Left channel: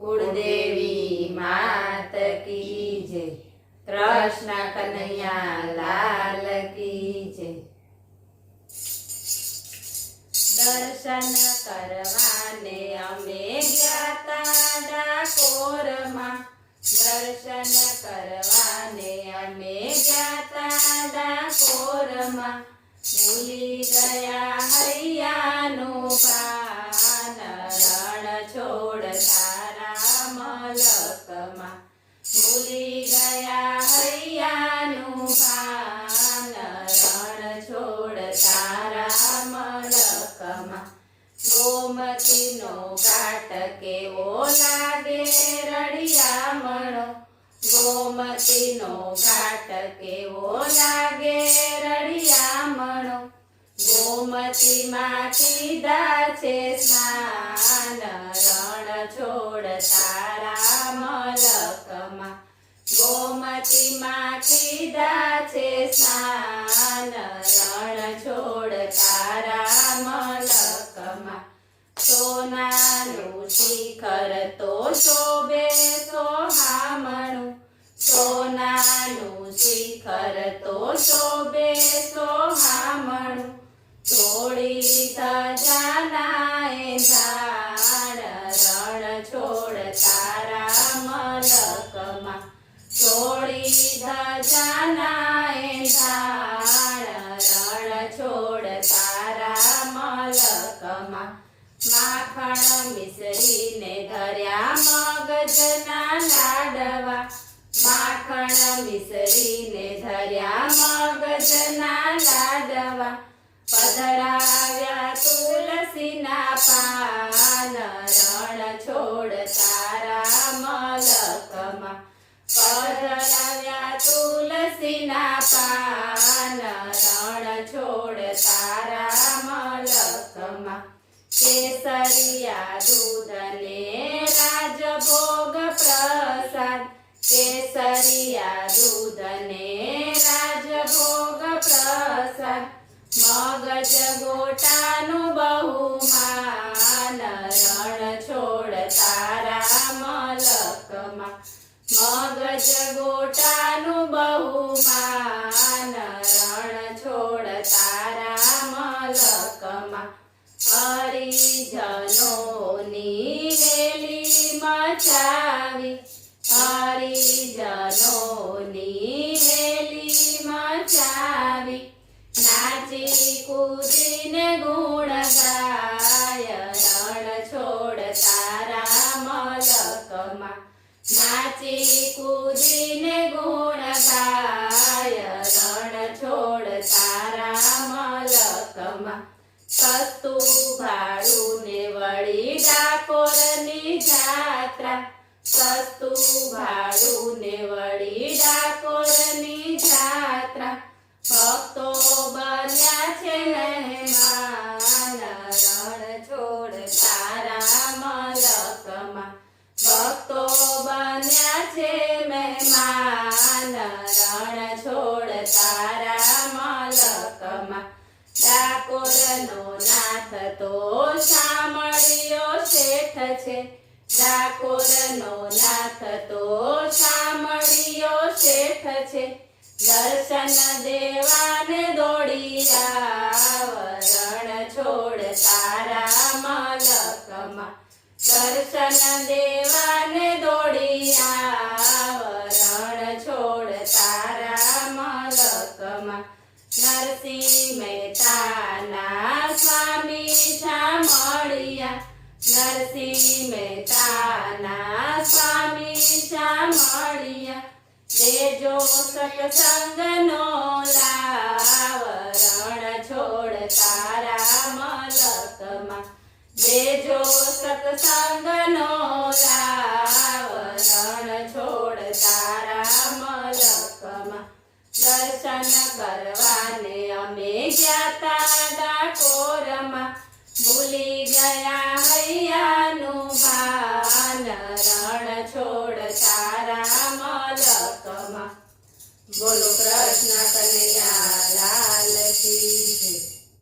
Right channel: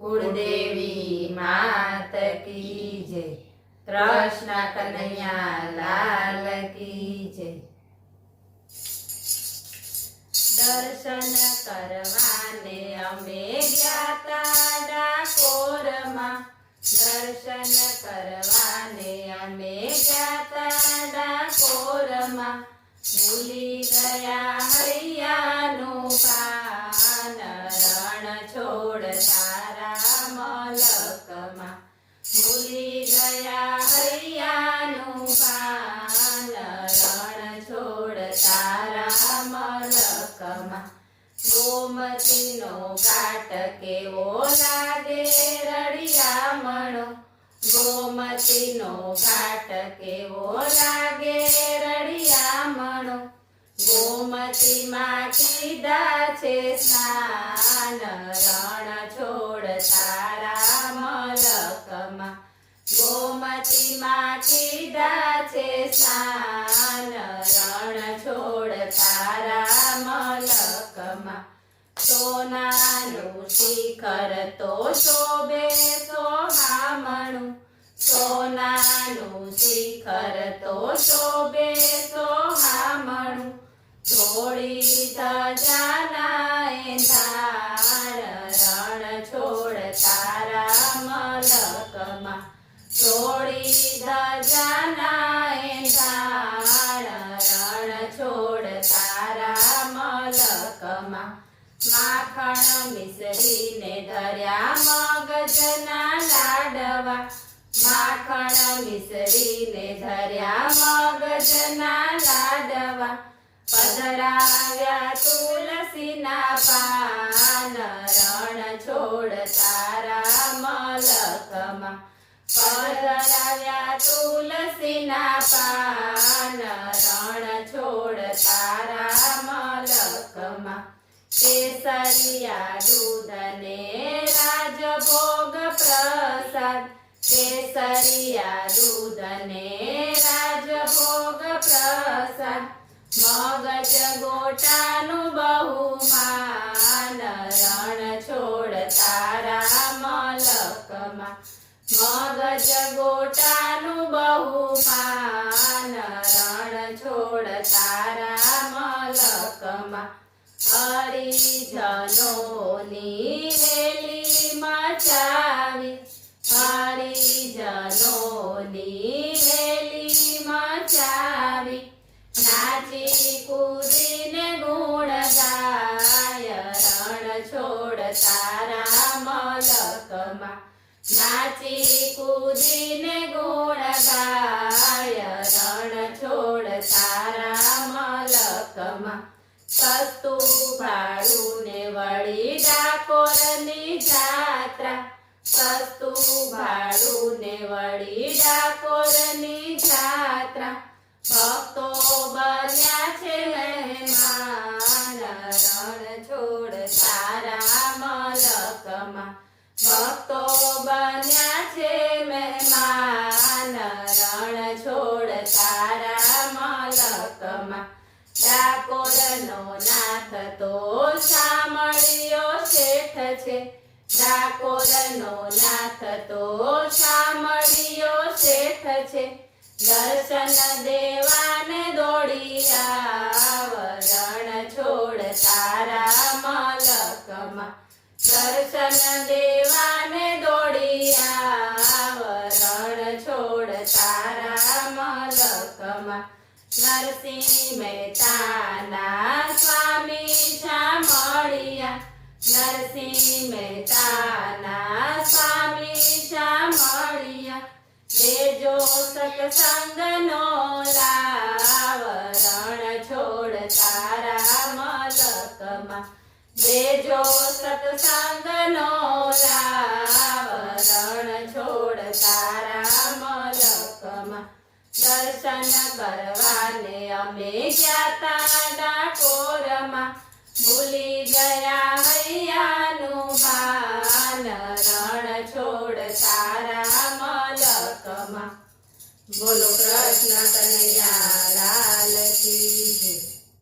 कुलदेवी मात की जय। कृष्ण कन्हैया लाल की जय। दर्शन करवाने अमे ग्याता डाकोरमा। दर्शन करवाने अमे ग्याता डाकोरमा। भूली गया हरियानु पान रण छोड़ता मलकमा। भूली गया हरियानु पान रण छोड़ता मलकमा। गोमती नो घाट केवो लागे रड़ियामणो। गोमती नो घाट केवो लागे रड़ियामणो। गोमती मां कीधा छे स्नान रण छोड़ता मलकमा। गोमती मां कीधा छे स्नान रण छोड़ता मलकमा। सोनानु शिखर तो शोभे सोहामणु। सोनानु शिखर तो शोभे सोहामणु। छोड़ी धजानाए धाड़ रण छोड़ता मलकमा। छोड़ी धजानाए धाड़ रण छोड़ता मलकमा। माखण मिसरी ने धर्या मगजना लाडवा। माखण मिसरी ने धर्या मगजना लाडवा। पधराव्या तुलसीना पान रण छोड़ता मलकमा। पधराव्या तुलसीना पान रण छोड़ता मलकमा। केसरिया दूध ने राजभोग प्रसाद। केसरिया दूध ने राजभोग प्रसाद। मगज गोटानु बहुमान रण छोड़ता मलकमा। मगज गोटानु बहुमान रण छोड़ता मलकमा। हरिजनोनी रेली मचावी। हरिजनोनी रेली मचावी। नाची कूदीने गुण गाय रण छोड़ता मलकमा। नाची कूदीने गुण गाय रण छोड़ता मलकमा। सस्तु भाड़ू ने वળી ડાકોરની જાત્રા। સસ્તુ ભાડું ને વળી ડાકોરની જાત્રા। ભક્તો બન્યા છે મહેમાન રણ છોડતા મલકમા। ભક્તો બન્યા છે મહેમાન રણ છોડતા મલકમા। ડાકોરનો નાથ તો શામળિયો શેઠ છે। ડાકોરનો નાથ તો શામળિયો શેઠ છે। દર્શન દેવાને દોડી આવ રણ છોડતા મલકમા। દર્શન દેવાને દોડી આવ રણ છોડતા મલકમા। નરસિંહ મહેતાના સ્વામી શામળિયા। નરસિંહ મહેતાના સ્વામી શામળિયા। દેજો સત્સંગનો લાવ રણ છોડતા મલકમા। દેજો સત્સંગનો લાવ રણ છોડતા મલકમા। દર્શન કરવાને અમે ગ્યાતા ડાકોરમાં। ભૂલી ગયા હૈયાનું ભાન રણ છોડતા મલકમાં। બોલો કૃષ્ણ કનૈયા લાલ કી જય।